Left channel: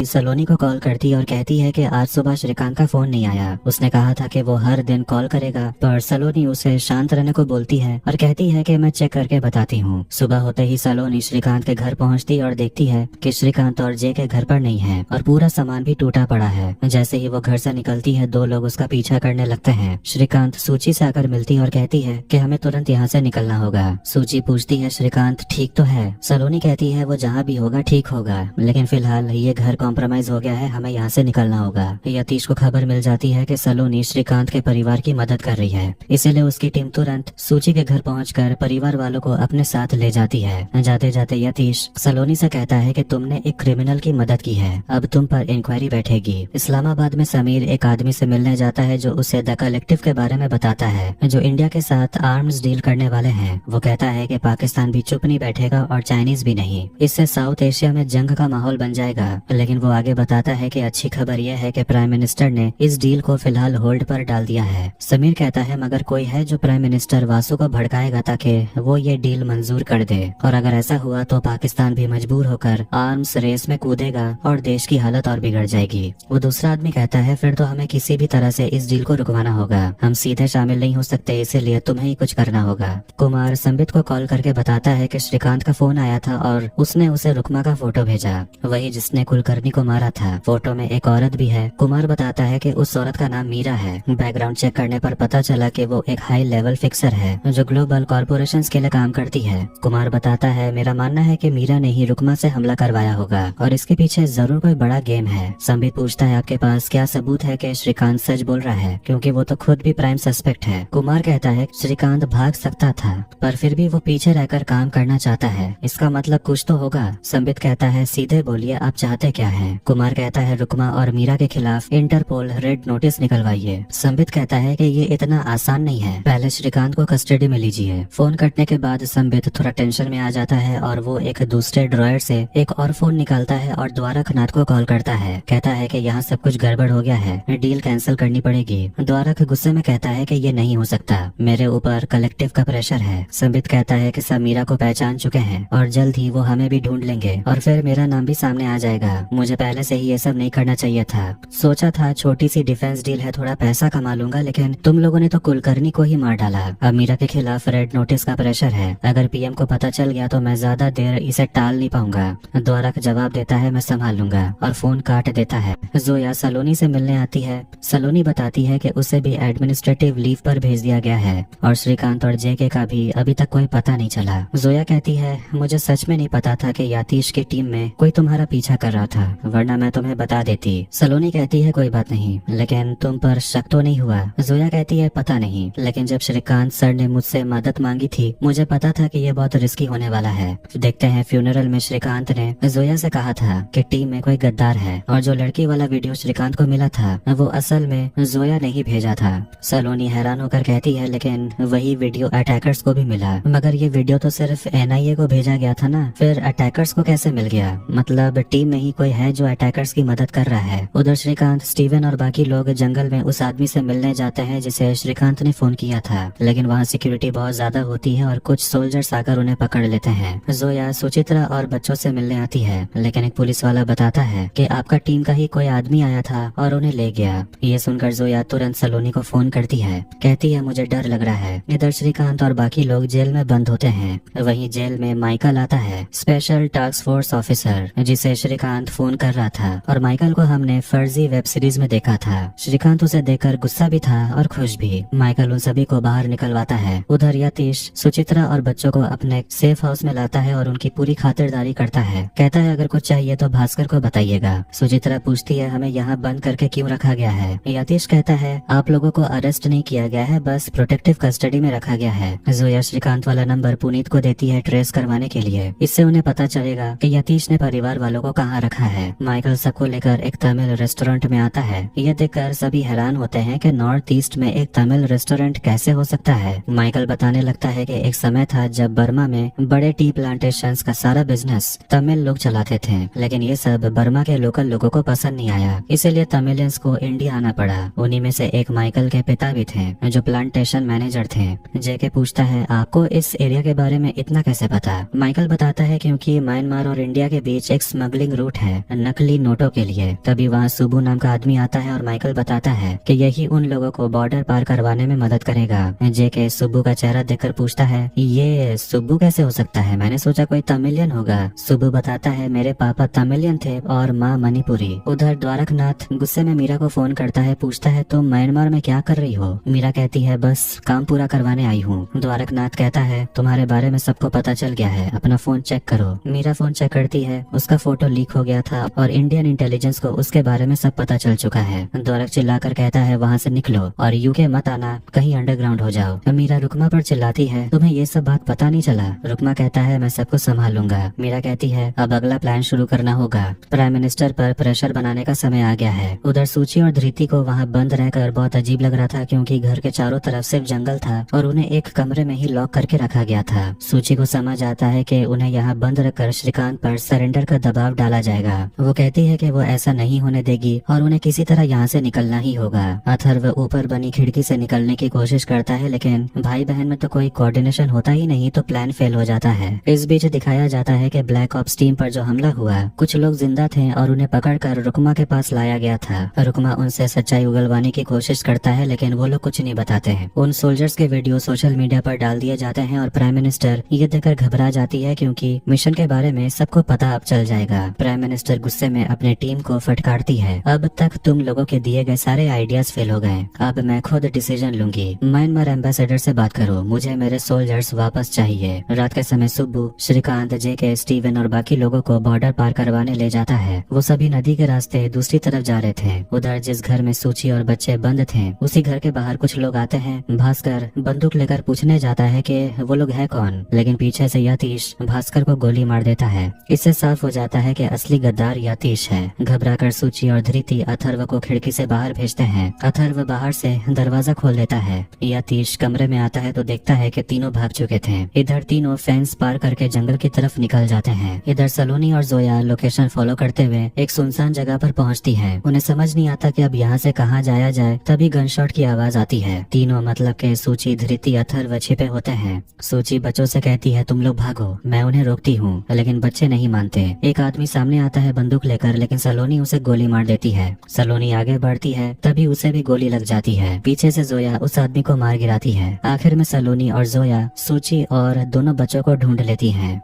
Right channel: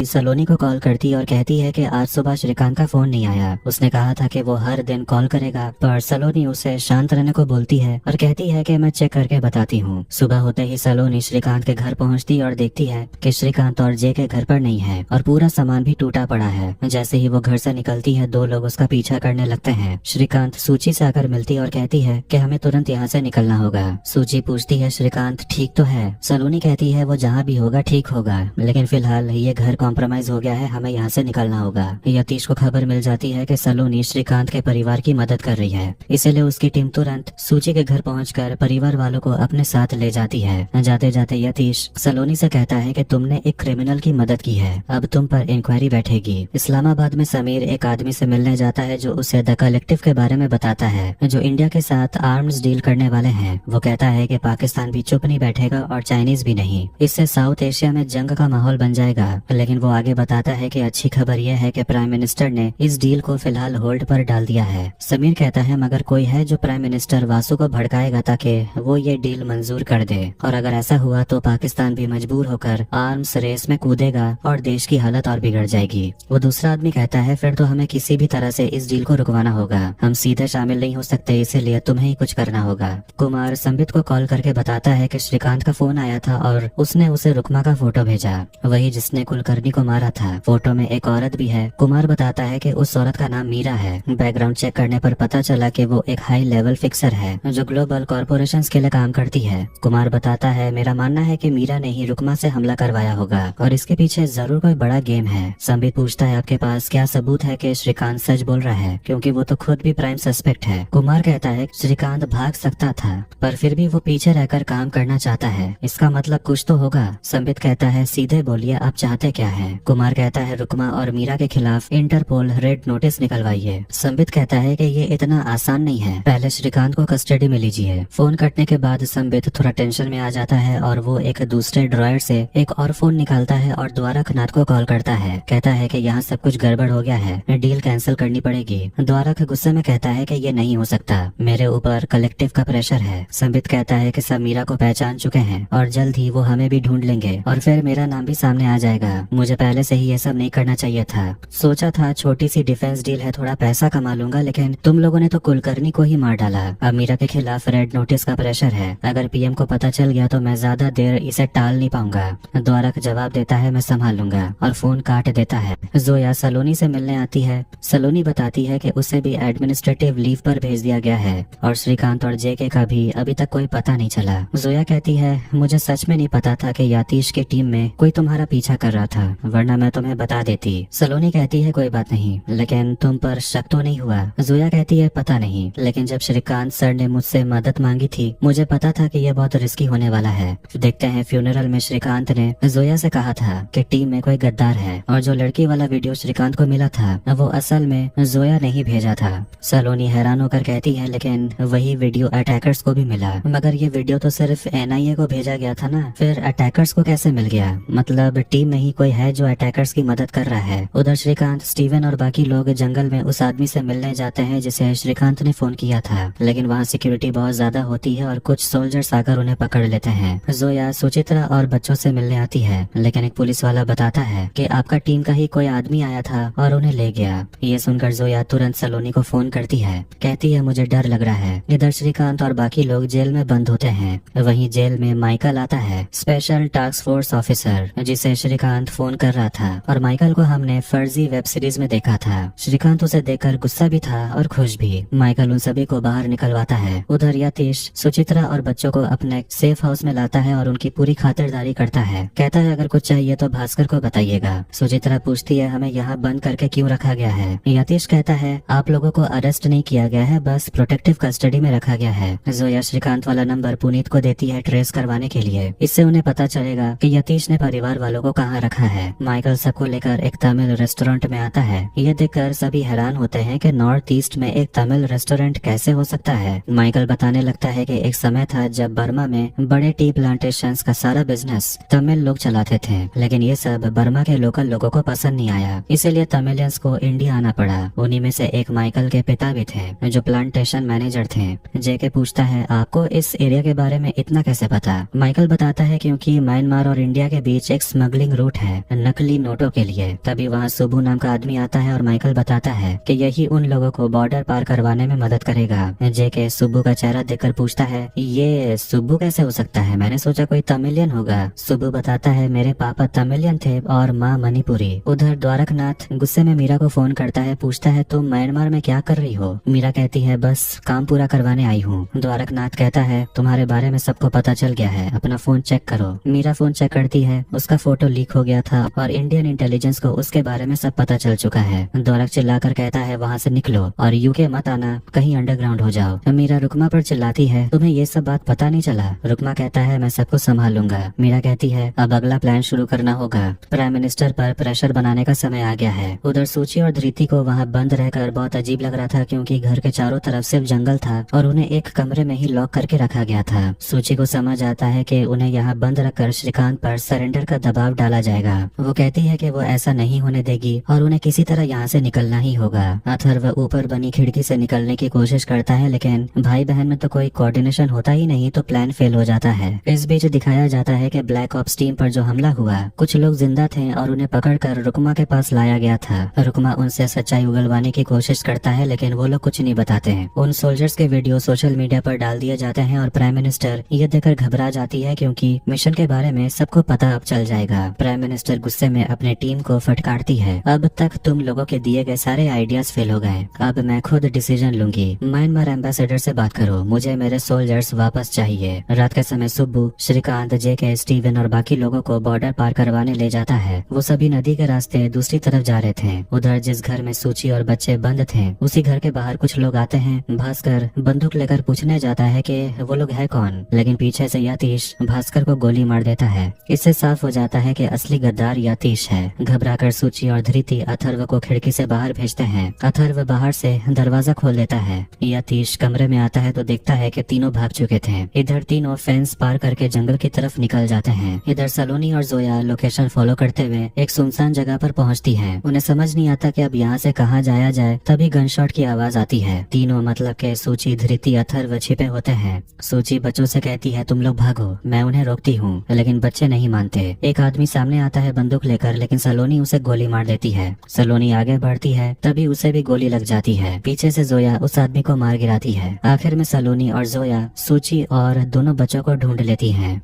सलोनी को कॉल करती है और कहती है कि आज सुबह श्रीकांत का फोन नहीं आया। उसने कहा था कि वो हर दिन कॉल करेगा, पर सलोनी उसे शांत रहने को बोलती है और कहती है कि मैं चेक करके बताती हूँ। सुबह होते ही सलोनी श्रीकांत के घर पहुँचती है और देखती है कि श्रीकांत और जय के घर पर नहीं है और पूरा सामान भी टूटा पड़ा है। जैसे ही वो घर से निकलती है, दो लोग उसका पीछा करने लगते हैं। श्रीकांत सूची से आकर मिलती है और कहती है कि हमें तुरंत यहाँ से निकलना होगा। सूची पूछती है श्रीकांत ठीक तो है? सलोनी कहती है वो जहाँ भी होगा ठीक होगा, लेकिन फिलहाल ये घर कॉम्प्रोमाइज हो गया है, हमें यहाँ से निकलना होगा। यतीश को खबर मिल जाती है कि सलोनी श्रीकांत के परिवार की मदद कर रही है, इसीलिए उसकी टीम तुरंत सूची के घर पहुंचकर परिवार वालों को अपने साथ ले जाती है। जाते जाते यतीश सलोनी से कहता है कि तुमने एक क्रिमिनल की मदद की है, अब तुम पर इंक्वायरी बैठेगी। इस्लामाबाद में समीर एक आदमी से मिलने जाता है जो उसे द कलेक्टिव के बारे में बताता है, जो इंडिया के साथ आर्म्स डील करने वाले हैं। वो कहता है कि पाकिस्तान भी चुप नहीं बैठेगा और चाइनीज भी नहीं, इससे साउथ एशिया में जंग का माहौल बन जाएगा। लेकिन वो आगे बताता है कि अच्छी खबर यह है कि प्राइम मिनिस्टर ने इस डील को फिलहाल होल्ड पर डाल दिया है। समीर कहता है मगर कोई है जो प्राइम मिनिस्टर वासु को भड़काएगा ताकि वो ये डील मंजूर कर दे, और अगर ऐसा हुआ तो पाकिस्तान भी मजबूर होकर आर्म्स रेस में कूदेगा और देश की हालत और बिगड़ जाएगी। वो दूसरा आदमी कहता है फिर तो हमें किसी भी तरह से इस डील को रुकवाना होगा, हम सीधे शामिल नहीं हो सकते, इसीलिए तुम्हें ही कुछ करना होगा। कुमार संबित को कॉल करके बताता है कि श्रीकांत का फोन आया था और उसने उसे रुकमा का फोटो भेजा, वही जिसने कुलकर्णी को मारा था। फोटो में एक औरत भी है। कुमार बताता है कि उस औरत का नाम मीरा है। बैकग्राउंड चेक करने पर पता चला कि वो एक हाई लेवल फिक्सर है जो ग्लोबल कॉर्पोरेशंस के लिए काम करती है। कुमार बताता है मेरा मानना है कि मीरा ने ही रुकमा से हमला करवाया होगा और इसके पीछे जरूर कोई बड़ा गेम है। संबित पूछता है आपके पास क्या सबूत है कि श्रीकांत सच बोल रहा है, क्योंकि वो तो खुद भी प्राइम सस्पेक्ट है। कुमार कहता है श्रीकांत भाग सकता था पर फिर भी वो पीछे रहकर काम करना चाहता है, इसका मतलब कुछ तो होगा। संबित कहता है सीधे बोलिए आप चाहते क्या है? कुमार कहता है रुकमा और मीरा के खिलाफ इंटरपोल रेड नोटिस निकलवाइए। संबित कहता है कि ये इतना आसान नहीं है, पहले श्रीकांत को कस्टडी में लीजिए। फोन कटने के बाद संबित थोड़ा टेंशन में आ जाता है और वो एक दूसरे ड्रॉयर से एक और फोन निकालता है और द्वारकनाथ को कॉल करता है। कहता है कि यहाँ सब कुछ गड़बड़ हो गया है, डील कैंसिल करनी पड़ेगी। द्वारक गुस्से में कहता है कि ये नहीं हो सकता, मेरे ऊपर कलेक्टिव का प्रेशर है। संबित कहता है कि सब मीरा को पहचान चुके हैं और जल्द ही वो हमें भी ढूंढ लेंगे और फिर मेरा नाम भी सामने आ जाएगा। मुझे पहले से ही ये सब नहीं करना चाहिए था, सोचा था छोटी सी डिफेंस डील है, थोड़ा पैसा कमा लूंगा, लेकिन तुम लोगों ने तो कुलकर्णी को ही मार डाला। अब मीरा के खिलाफ रेड नोटिस का प्रेशर है, अगर पीएम को पता चल गया तो मैं ज्यादा देर इसे टाल नहीं पाऊंगा। द्वारक जवाब देता है मैं संभाल लूंगा और फोन काट देता है। जोया सलोनी से मिलने आती है। सलोनी बताती है कि उसे भी एडमिनिस्ट्रेटिव लीव पर भेज दिया गया है और श्रीकांत और जेके का भी अभी तक कोई पता नहीं चला। जोया कहती है मुझे सच में नहीं पता था कि यतीश की टीम में कोई तुम्हारा पीछा कर रहा था, वरना मैं तुम्हें बता देती। सलोनी कहती है कोई बात नहीं, लेकिन तुम पर शक तो नहीं हुआ? जोया कहती है पता नहीं, लेकिन जब श्रीकांत सर ने मुझसे मदद मांगी थी मुझे पता था कि यह बहुत रिस्की होने वाला है। देखते हैं फ्यूनरल में श्रीकांत ने जोया से कहा था कि टीम में कोई गद्दार है और जो लड़की वाला वीडियो श्रीकांत को मिला था वो असल में जोया ने ही भेजा था। सलोनी हैरान होकर कहती है लेकिन वही वीडियो अटैकर्स को भी मिला, मगर ये वीडियो तो सिर्फ एनआईए को भेजा गया था ना, फिर अटैकर्स को कैसे मिल गया? मतलब टीम में ही कोई है जो अटैकर्स की मदद कर रहा है। उधर श्रीकांत, स्टीवन और बाकी लोग जंगल में उस आदमी से मिलने जाते हैं जिसे श्रीकांत ने फोन किया था, लेकिन वहाँ सिक्योरिटी बहुत ज्यादा होती है और कुछ सोल्जर्स आकर उन्हें पकड़ लेते हैं। जोया सुचित्रा और बच्चों से मिलने आती है, लेकिन एक पुलिस वाला बताता है कि आपका टीम का ही कोई आदमी आया था और उन्हें ले गया। ये सुनकर जोया तुरंत सलोनी को फोन करती है, कहती है मुझे डर लग रहा है। इधर श्रीकांत और बाकी लोग जेल में बंद होते हैं। वहीं जेल में माइकल आता है, स्पेशल टास्क फोर्स ऑफिसर जिसे श्रीकांत फोन कर रहा था, और माइकल को हमने फर्जी वेब सीरीज में देखा था। श्रीकांत उसे देखकर गुस्सा भी था और खुश भी। माइकल उन सभी को बाहर निकलवाता है। उधर यतीश सुचित्रा और बच्चों को अपने सेफ हाउस में लाता है और उनकी पूरी खातिरदारी करता है। कहता है अगर कुछ चाहिए तो भास्कर को बताइएगा। सुचित्रा पूछती है हमें यहाँ बंद करके क्यों रखा गया है? यतीश कहता है आप लोगों को अरेस्ट नहीं किया गया है, बस प्रोटेक्टिव कस्टडी में रखा गया है। जोया श्रीकांत वाला नंबर पुनीत को देती है ट्रेस करवाने के लिए, इससे उन्हें पता चलेगा कि यतीश ने परिवार वालों को कहाँ रखा है। माइकल सबको लेकर एक तमिल रेस्टोरेंट में आता है। यह देखकर सभी हैरान होते हैं कि नॉर्थ ईस्ट में एक तमिल रेस्टोरेंट कैसे हो सकता है। माइकल बताने लगता है कि एक समय था जब बर्मा में बड़े टी प्लांटेशंस का सारा बिजनेस तमिल लोग चलाते थे, लेकिन ये सब बर्मा के लोकल लोगों को पसंद नहीं आया, इसीलिए तमिलियंस को इंडिया आना पड़ा। उन्हीं में से एक माइकल के पिता भी थे जो प्लांटेशन मैनेजर थे। जेके पूछता है आपको इस एरिया के बारे में इतना कैसे पता? माइकल बताता है क्योंकि म्यांमार और इंडिया के बीच एक स्मगलिंग रूट है नकली नोटों के लिए। तभी वहाँ सुब्बू नाम का आदमी आता है और माइकल बताता है कि यही उन लोगों को बॉर्डर पार करवाने में मदद करेगा। जेके सुब्बू का चेहरा देखकर पूछता है, ये सुब्बू कैसे हो सकता है? मैंने सोचा कोई तमिलियन होगा। सुब्बू बताता है, मेरे पापा तमिलियन थे और माँ मणिपुरी। उधर द्वारकनाथ गुस्से में मीरा को फोन करता है, पूछता है तुम म्यांमार में क्या कर रही हो? मीरा कहती है, बस काम पूरा करवाने आई हूँ। द्वारकनाथ कहता है, तुम्हारे बारे में सबको पता चल गया है, अपना फोन चेक करो। मीरा फोन चेक करती है, उसका फोटो लीक हो गया था और इंडियन इंटेलिजेंस को उसके बारे में सब पता चल चुका है। द्वारक चिल्लाकर कहता है, वहाँ से निकलो और यूके मत आना, कहीं अंडरग्राउंड हो जाओ। मीरा रुकमा पर चिल्लाती है, तुम्हें ये सब बात पता नहीं चला? रुकमा कहता है, मैं सबको संभाल लूंगा। मीरा कहती है, अब अगला प्लान शुरू करना होगा, प्राइम मिनिस्टर पर प्रेशर बनाने का समय आ गया है। उधर सूची और धृति को वहाँ बंद रहकर बहुत अजीब लग रहा था, क्योंकि घर के चारों तरफ सिर्फ जंगल था और उन्हें एक कमरे में ही लॉक करके रखा गया था। सूची को समझ आता है कि उन्हें यहाँ बंद रखकर श्रीकांत पर सरेंडर का दबाव डाला जाएगा। वो कहती है कि वो ऐसा नहीं होने देगी और उन्हें किसी तरह यहाँ से निकलना ही होगा। अथर्व ऊपर बनी खिड़की से निकलने की कोशिश करता है, लेकिन भाई बहन में तो कोई कोऑर्डिनेशन होता ही नहीं, तो प्लान फेल हो जाता है। इस बीच दिखाया जाता है कि ब्लैक ऑप्स टीम पर जो हमला हुआ, कुछ लोग जिंदा थे और उन्हें पकड़कर रुकमा के पास लाया गया था। रुकमा उनसे सच्चाई उगलवाने की कोशिश करता है, लेकिन वो लोग कुछ नहीं बताते हैं। उन सोल्जर्स के वीडियो सोशल मीडिया पर डाल दिए जाते हैं और प्राइम मिनिस्टर ये देखकर घबरा जाती है, क्योंकि मिशन के बारे में सबको पता अब चल जाएगा। प्राइम मिनिस्टर गुस्से में अपने टीम को फटकारती है, अब तक तुम लोगों के दिए गए सारे आइडियाज फेल हो गए, अब मैं खुद डिसीजन लूंगी। म्यांमार एम्बेसडर से बात करो, मुझे मेरे सोल्जर्स वापस चाहिए। रात के समय सुब्बू श्रीकांत, जेके, स्टीवन और बाकी लोगों को बॉर्डर पार करवाने ले जाता है। वो सभी नदी के रास्ते दूसरी तरफ जा रहे थे। उधर जिस घर में सूची और बच्चे बंद थे, उसी घर के बाहर कुछ लोग आते हैं। भास्कर बंदूक लेकर पूछने जाता है कि वो लोग है कौन, लेकिन पीछे से यतीश भास्कर को गोली मार देता है। इससे साफ हो जाता है कि असली गद्दार यतीश है। घबराकर सूची और धृति अथर्व को खिड़की से बाहर भेजते हैं। अथर्व बाहर से दरवाजा खोल देता है। यतीश कमरे में आता है तो देखता है कि तीनों भाग चुके थे। इधर तीनों फेंस पार करके जंगल की तरफ निकल जाते हैं। इधर सलोनी और जोया लोकेशन फॉलो करते हुए एक सुनसान जगह पर पहुंचती है। उन्हें समझ नहीं आता कि अब यहाँ से कहाँ जाया जाए। तभी गनशॉट की आवाज आती है। तीनों मतलब के सूची, धृति, अथर्व छिपे होते हैं। सूची बच्चों से कहती है, तुम लोग भागो, मैं उन्हें रोकती हूँ, लेकिन बच्चे नहीं मानते। एक आदमी सामने आता है बंदूक लेकर, लेकिन सलोनी उसे गोली मार देती है। सलोनी आगे बढ़ती है, तभी उसे भी गोली लग जाती है। पीछे से जोया उस आदमी को मार गिराती है। आखिर में सलोनी और जोया सूची और दोनों बच्चों को ढूंढ लेती हैं।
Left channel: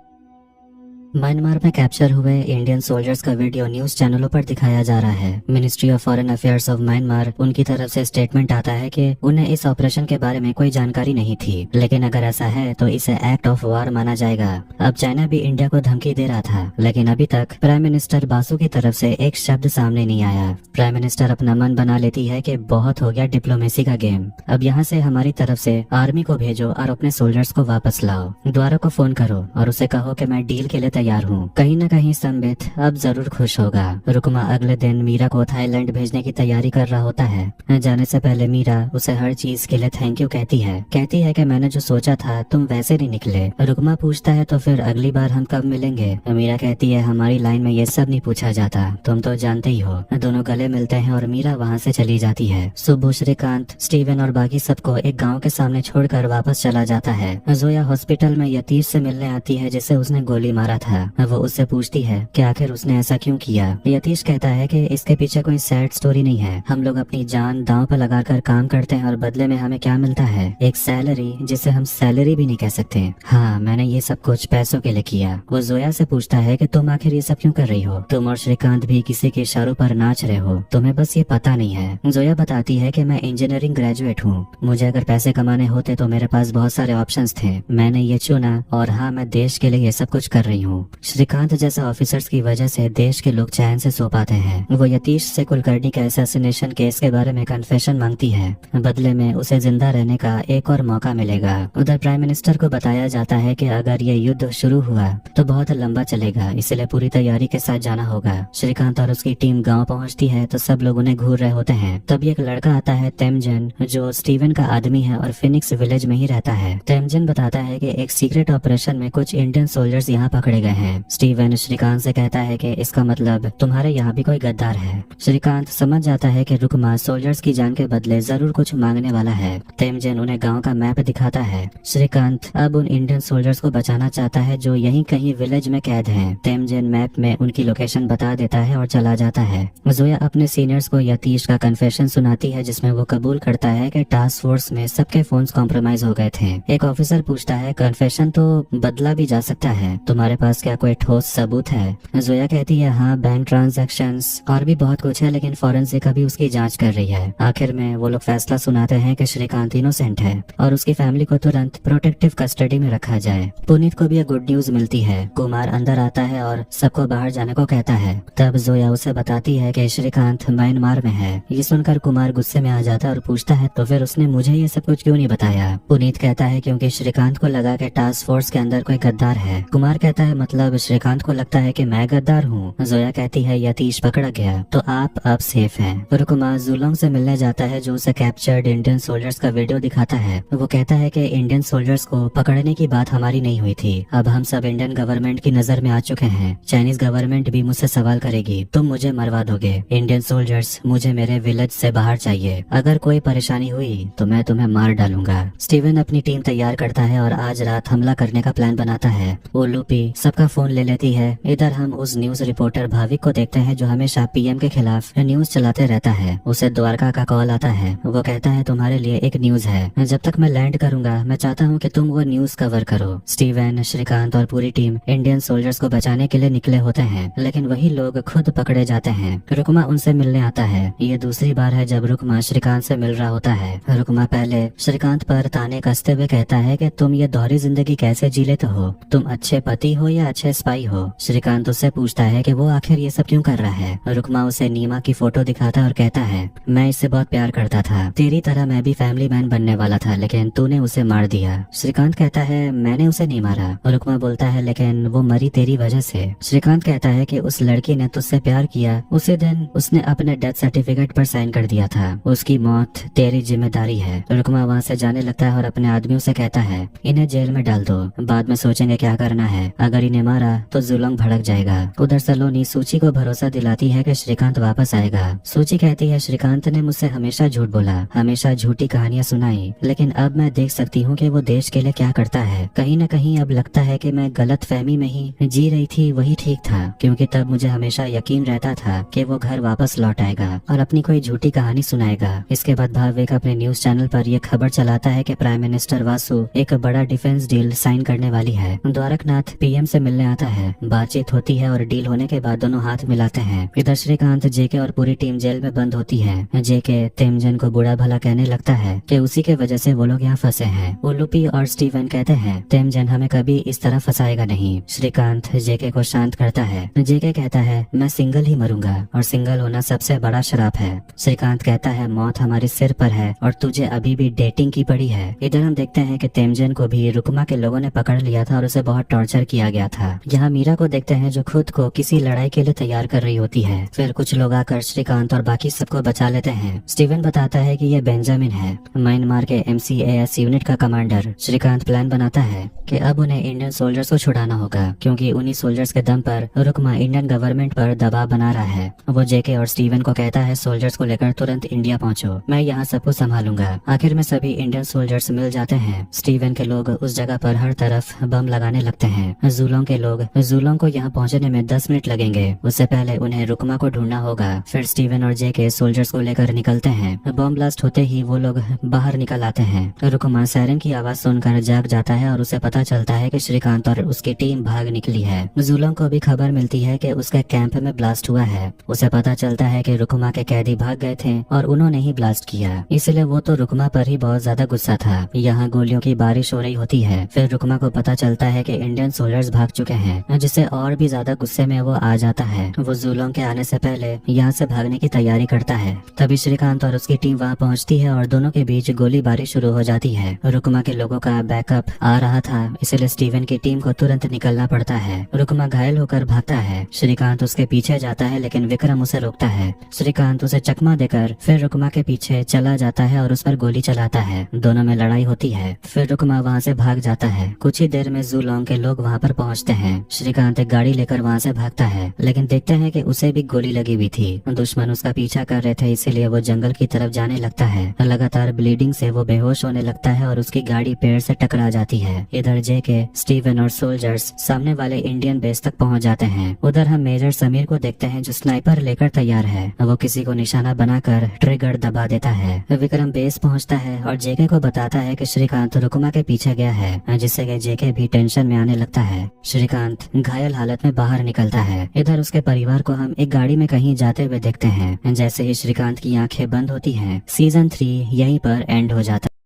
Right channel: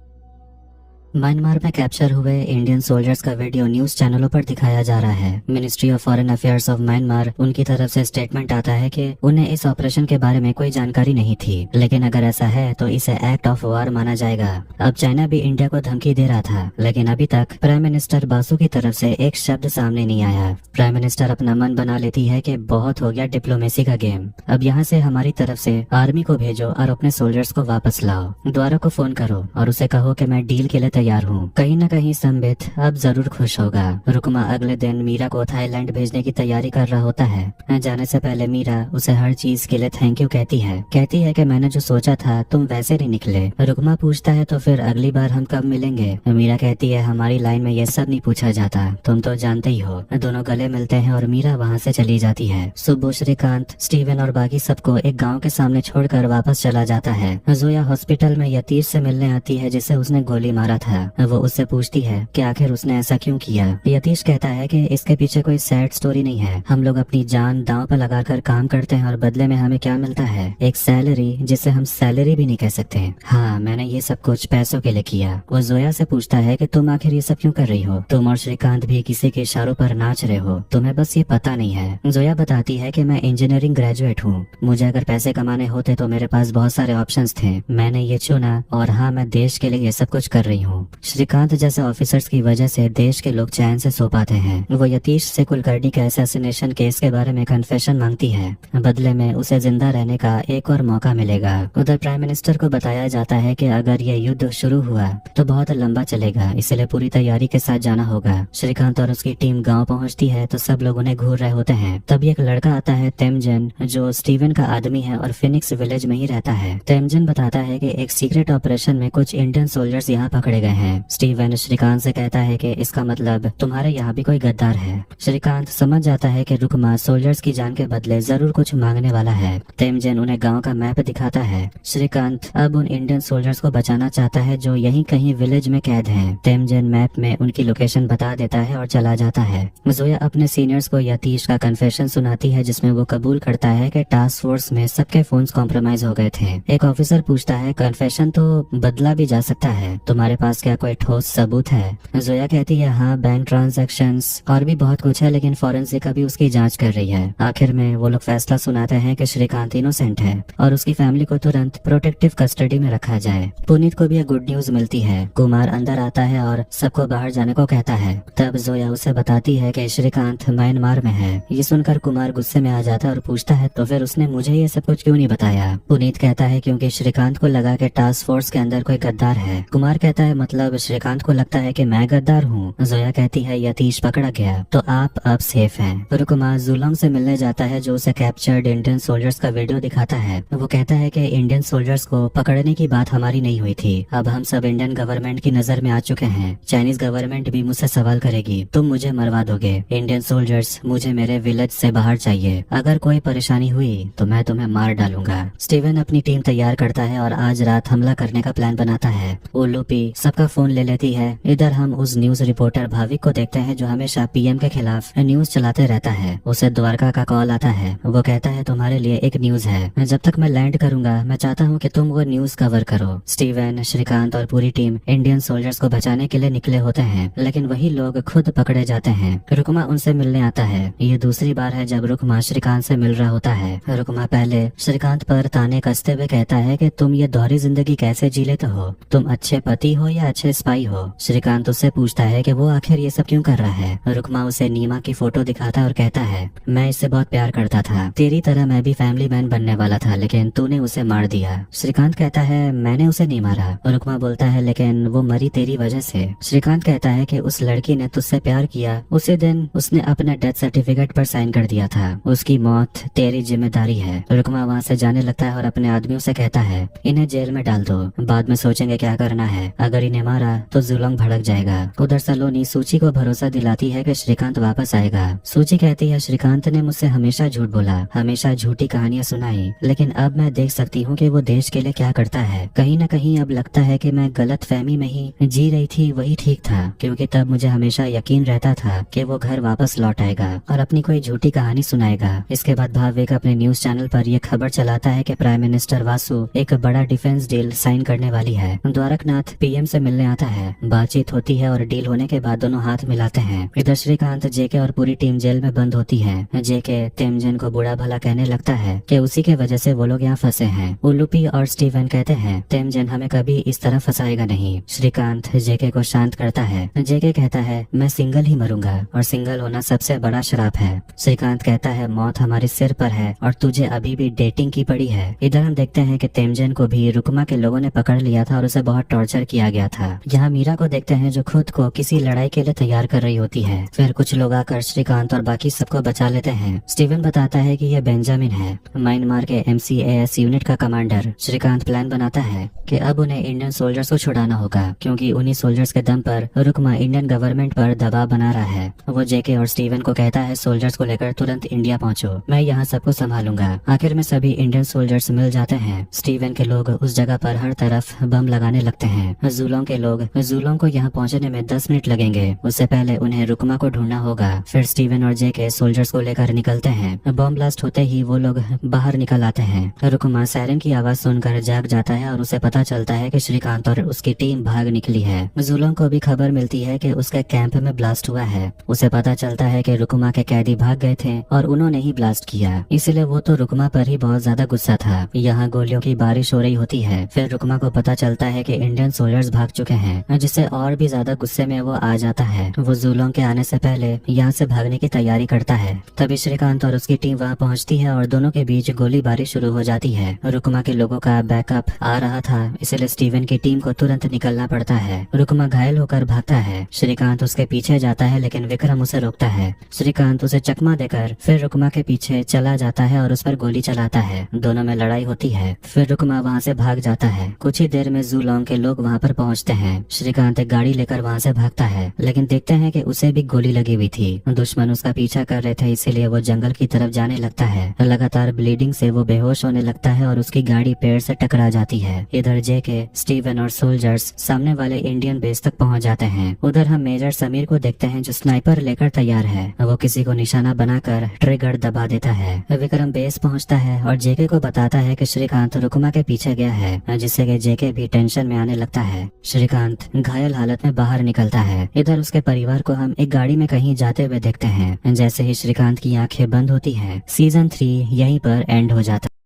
म्यांमार में कैप्चर हुए इंडियन सोल्जर्स का वीडियो न्यूज चैनलों पर दिखाया जा रहा है। Ministry of foreign affairs of Myanmar, उनकी तरफ से स्टेटमेंट आता है कि उन्हें इस ऑपरेशन के बारे में कोई जानकारी नहीं थी, लेकिन अगर ऐसा है तो इसे एक्ट ऑफ वॉर माना जाएगा। अब चाइना भी इंडिया को धमकी दे रहा था, लेकिन अभी तक प्राइम मिनिस्टर बासु की तरफ से एक शब्द सामने नहीं आया। प्राइम मिनिस्टर अपना मन बना लेती है कि बहुत हो गया डिप्लोमेसी का गेम, अब यहाँ से हमारी तरफ से आर्मी को भेजो और अपने सोल्जर्स को वापस लाओ। द्वारा को फोन करो और उसे कहो कि मैं डील के लिए तैयार हूँ। कहीं न कहीं संबित अब जरूर खुश होगा। रुकमा अगले दिन मीरा को थाईलैंड भेजने की तैयारी कर रहा होता है। जाने से पहले मीरा उसे हर चीज के लिए थैंक यू कहती है कि मैंने जो सोचा था तुम वैसे नहीं निकले। रुकमा पूछता है, तो फिर अगली बार हम कब मिलेंगे? मीरा कहती है, हमारी लाइन में ये सब नहीं पूछा जाता, तुम तो जानते ही हो। दोनों गले मिलते हैं और मीरा वहाँ से चली जाती है। सुब्बू श्रीकांत, स्टीवन और बाकी सबको एक गाँव के सामने छोड़कर वापस चला जाता है। जोया हॉस्पिटल में यतीश से मिलने आती है, जिसे उसने गोली मारा था। वो उससे पूछती है कि आखिर उसने ऐसा क्यों किया। यतीश कहता है कि इसके पीछे कोई सैड स्टोरी नहीं है, हम लोग अपनी जान दांव पर लगाकर काम करते हैं और बदले में हमें क्या मिलता है? एक सैलरी, जिसे हम सैलरी भी नहीं कह सकते। हाँ, मैंने ये सब कुछ पैसों के लिए किया। वो जोया से पूछता है कि तुम आखिर ये सब क्यों कर रही हो? तुम और श्रीकांत भी किसी के इशारों पर नाच रहे हो, तुम्हें बस ये पता नहीं है। जोया बताती है कि मैं इंजीनियरिंग ग्रेजुएट हूँ, मुझे अगर पैसे कमाने होते तो मेरे पास बहुत सारे ऑप्शंस थे, मैंने ये चुना और हाँ, मैं देश के लिए ये सब कुछ कर रही हूँ। श्रीकांत जैसे ऑफिसर्स की वजह से देश के लोग चैन से सो पाते हैं। वो यतीश से कुलकर्णी के असैसिनेशन केस के बारे में कन्फेशन मांगती है, बदले में उसे जिंदा रहने का एक और मौका मिलेगा। उधर प्राइम मिनिस्टर को बताया जाता है कि अगर ये युद्ध शुरू हुआ तो बहुत लंबा चलेगा, इसलिए पूरी तैयारी के साथ जाना होगा। श्रीकांत और उसकी टीम गाँव पहुँचती है तो सब लोग उन्हें घूर रहे होते हैं। तभी एक लड़का आता है, तेमजन, जो स्टीवन का आदमी है और फिनिक्स विलेज में ही रहता है। तेमजन बताता है कि एक सीक्रेट ऑपरेशन में कुछ इंडियन सोल्जर्स यहाँ पकड़े गए हैं। स्टीवन श्रीकांत से कहता है कि इसका मतलब तुम्हारे यहाँ भी कोई गद्दार है। श्रीकांत समझ जाता है कि रुकमा सोल्जर्स की जान के बदले जरूर कुछ मांगने वाला है। तेमजन उन्हें गांव का मैप दिखाता है। श्रीकांत अब उन इंडियन सोल्जर्स को बचाना चाहता है जो यहीं कहीं विलेज में कैद हैं। तेमजन मैप में उनकी लोकेशन बता देता है और चला जाता है। जोया अपने सीनियर्स को यतीश का कन्फेशन सुनाती है जिसमें वो कबूल करता है कि टास्क फोर्स में सबके फोन्स कॉम्प्रोमाइज हो गए थे। एक ऑफिसर पूछता है कन्फेशन तो बदला भी जा सकता है, तुम्हारे पास क्या कोई ठोस सबूत है? जोया कहती है हाँ, बैंक ट्रांजैक्शंस और भी बहुत कुछ है, लेकिन फॉरेंसिक अभी उसकी जांच कर रही है। आखिर में वो लोग फैसला सुनाते हैं कि श्रीकांत इनोसेंट है और उसकी फैमिली को तुरंत प्रोटेक्टिव कस्टडी में रखा जाए। पुनीत को भी एक गुड न्यूज मिलती है। कुमार अंदर आता है और सबको बाहर जाने को कहता है। तब जोया उसे बताती है कि श्रीकांत म्यांमार में है। ये सुनकर कुमार गुस्से में आ जाता है और पूछता है तो फिर उसने मुझे ये सब कुछ क्यों नहीं बताया? पुनीत कहता है क्योंकि श्रीकांत को लगा कि टास्क फोर्स के अंदर कोई गद्दार है। कुमार कहता है मतलब श्रीकांत को लगता है कि मैं गद्दार हूँ। जोया कहती है यतीश पकड़ा गया तो आप अब सेफ हैं। फिर कुमार जुलोंग से मिलने जाता है जो उसे कैप्चर्ड इंडियन सोल्जर्स का वीडियो दिखाता है। वो कहता है कि इंडियन सोल्जर्स को पकड़ने की बात हमारी नहीं हुई थी, अब हम सब इंडियन गवर्नमेंट की नजर में आ चुके हैं। चाइनीज गवर्नमेंट भी मुझसे सवाल करेगी, तुम मुझे मरवा दोगे। इंडियन सोल्जर्स, मुझे मेरे विलेज से बाहर चाहिए। अगर कोई परेशानी हुई तो मैं तुम्हें मार डालूंगा। स्टीवन अपनी टीम तैयार करता है और आज रात हमला करने का प्लान बनाता है। उलूपी सबका फोन ले लेती है। इधर हम उस न्यूज रिपोर्टर भाविक को देखते हैं जो हमेशा पीएम के खिलाफ न्यूज चलाते रहता है। उसे द्वारका का कॉल आता है। वो कहता है तुम्हारे लिए एक न्यूज है, जब तक मैं लैंड करूंगा मैं चाहता हूँ कि तुम वो न्यूज कवर करो। स्टीवन, श्रीकांत और पूरी टीम इंडियन सोल्जर्स को बचाने के लिए निकले होते हैं, लेकिन वही लोग खुद पकड़े जाते हैं। रुकमा उनसे मिलने आता है। ये दूसरी बार है जब रुकमा श्रीकांत से मिल रहा होता है। रुकमा पहले श्रीकांत पर ताने कसते हुए कहता है कि तुम ये दोहरी जिंदगी कैसे जी लेते हो? तुम अच्छे पति हो या अच्छे स्पाई हो? श्रीकांत उससे पूछता है कि वो आखिर ये सब क्यों कर रहा है। रुकमा उसे नीमा की फोटो दिखाता है और कहता है मैं इससे बहुत प्यार करता था, तेरी तरह मैं भी फैमिली मैन बनने वाला था, लेकिन तूने उसे मार दिया। श्रीकांत कहता है मैंने उसे नहीं मारा। रुकमा बोलता है लेकिन वो मरी तेरी वजह से। श्रीकांत कहता है कि उस लड़की ने तुझसे प्यार किया, उसी दिन उसने अपने डेथ सर्टिफिकेट पर साइन कर दिया था, उसकी मौत तेरी जिम्मेदारी है। रुकमा वहाँ से जाने लगता है और अपने आदमियों से कहता है इन्हें जेल में डाल दो, बाद में सोचेंगे क्या करना है, अगर इन्हें मारा तो जुलोंग भड़क जाएगा। उधर सलोनी सूची को भरोसा दिलाती है कि श्रीकांत वापस आएगा। सूची कहती है श्रीकांत ने मुझसे हमेशा झूठ बोला, हमेशा झूठी कहानियां सुनाई, लेकिन अब मैं देख सकती हूँ कि वो देश के लिए क्या करता है। कहीं न कहीं अब लगता है कि मैं गलत फहमी में ही जी रही थी, वही ठीक था, क्योंकि तब मुझे हमेशा यकीन रहता था कि वो घर वापस लौट आएगा और अपनी कोई झूठी कहानी सुनाएगा। इसके बाद भाविक अपने न्यूज चैनल पर यह खबर चलाता है कि प्राइम मिनिस्टर वासु एक बड़ा डिफेंस डील साइन करने वाली है। द्वारकनाथ पीएम से मिलने आता है। बातचीत होती है और डील होने के बाद दोनों हाथ मिलाते हैं। इधर श्रीकांत, जेके और पूरी टीम जेल में बंद होती है। जेके तेमजन को बुरा भला कहने लगता है कि उसी के वजह से वो लोग यहाँ फंसे हैं। उलूपी और स्टीवन कहते हैं तेमजन हमें कभी इस तरह फंसाएगा नहीं। श्रीकांत जेके को शांत करता है। जेके कहता है मैं सिंगल ही मरूंगा और सिंगल होना सबसे बड़ा श्राप है। श्रीकांत कहता है मौत हमारे सिर पर है और तुझे अभी भी डेटिंग की पड़ी है। इधर हम देखते हैं कि तेमजन को भी रुकमा के लोगों ने पकड़ लिया था और उसे बहुत टॉर्चर किया गया था। यहाँ मीरा को देखते हैं जो खुद को किसी लड़ाई के लिए तैयार कर रही होती है। फिर कुछ लोग आकर श्रीकांत और बाकी सबको बचा लेते हैं। स्टीवन बताता है कि यह बेंजामिन है, म्यांमार के MCAS यूनिट का कमांडर। श्रीकांत प्लान बनाता है कि अब उन्हें इंडियन सोल्जर्स को छुड़ाना होगा, क्योंकि उन्हीं सोल्जर्स के दम पर रुकमा इंडियन गवर्नमेंट पर दबाव बना रहा है। वो जेके और स्टीवन को कहता है सोल्जर्स को लेकर तुरंत इंडिया पहुंचो, मैं यहाँ सबको संभालूंगा। आखिर में सभी इंडियन सोल्जर्स मिल जाते हैं। स्टीवन के लोग उस जगह पर हर तरफ बम लगाने लगते हैं। जुलोंग के लोग जुलोंग को यहाँ पहुँचने में 10 मिनट लगेंगे, उससे पहले उन्हें रुकमा को ढूंढना होगा। फिर स्टीवन और जेके सोल्जर्स को लेकर निकलते हैं। बम ब्लास्ट होते ही वो लोग बाहर निकल आते हैं। रुकमा सायरन की आवाज सुनकर जाग जाता है और उसे पता चलता है कि श्रीकांत और उसकी टीम भाग निकली है। जुलोंग को भी खबर मिलती है कि उसके कैंप में ब्लास्ट हुआ है। उसे पता चलता है कि रुकमा के कैदी भाग गए थे और उन्होंने ही ब्लास्ट किया, इसलिए वो तो रुकमा पर ही बहुत ज्यादा गुस्सा था। यहाँ गोलियों की बारिश हो रही होती है। फिर रुकमा को पता चलता है कि इंडियन सोल्जर्स भाग चुके हैं, जिससे और भी ज्यादा गुस्से में वो आ जाता है। वो जुलोंग के आने से पहले यहाँ से भागने की तैयारी करता है। तभी श्रीकांत और उसकी टीम वहाँ पहुँचती है और दोनों के बीच गोलीबारी शुरू हो जाती है। रुकमा के लोगों का बैकअप आ रहा था, इसलिए स्टीवन की टीम को तुरंत निकलना पड़ता है। रुकमा घायल होकर भागता है। श्रीकांत उसके पीछे जाता है, लेकिन विक्रम उसे रोकता है। श्रीकांत उसे चकमा देकर फिर रुकमा के पीछे चला जाता है और उस पर गोली चलाता है। दोनों में लड़ाई होती है। फिर रुकमा वहाँ से भाग जाता है। कुछ ही देर में जुलोंग के लोग वहाँ पर पहुँच पहुंचते हैं। श्रीकांत एक गाड़ी लेकर वहां से भागता है, लेकिन देखते हैं कि उसे भी गोली लगी हुई थी। दुश्मन उसका पीछा कर रहे थे, इसीलिए वो जंगल की तरफ जाने लगता है। लगातार ब्लीडिंग से वो बेहोश होने लगता है और उसकी गाड़ी पेड़ से टकरा जाती है। इधर जेके, स्टीवन और सोल्जर्स सामने वाले इंडियन बेस तक पहुंच जाते हैं। उधर हम मेजर समीर को देखते हैं जो स्नाइपर लेकर तैयार है। वो किसी को निशाना बनाकर ट्रिगर दबा देता है। विक्रम बेस पहुंचता है और जेके को बताता है कि श्रीकांत रुकमा के पीछे गया है, जिससे कि जेके भी टेंशन में आने लगता है। श्रीकांत घायल हालत में बाहर निकलता है। इधर उसके परिवार को हम एक गाड़ी में कहीं जाते हुए देखते हैं। जैसे ही श्रीकांत की आंखें बंद होती हैं, सीजन 3 यहीं पर एंड हो जाता है।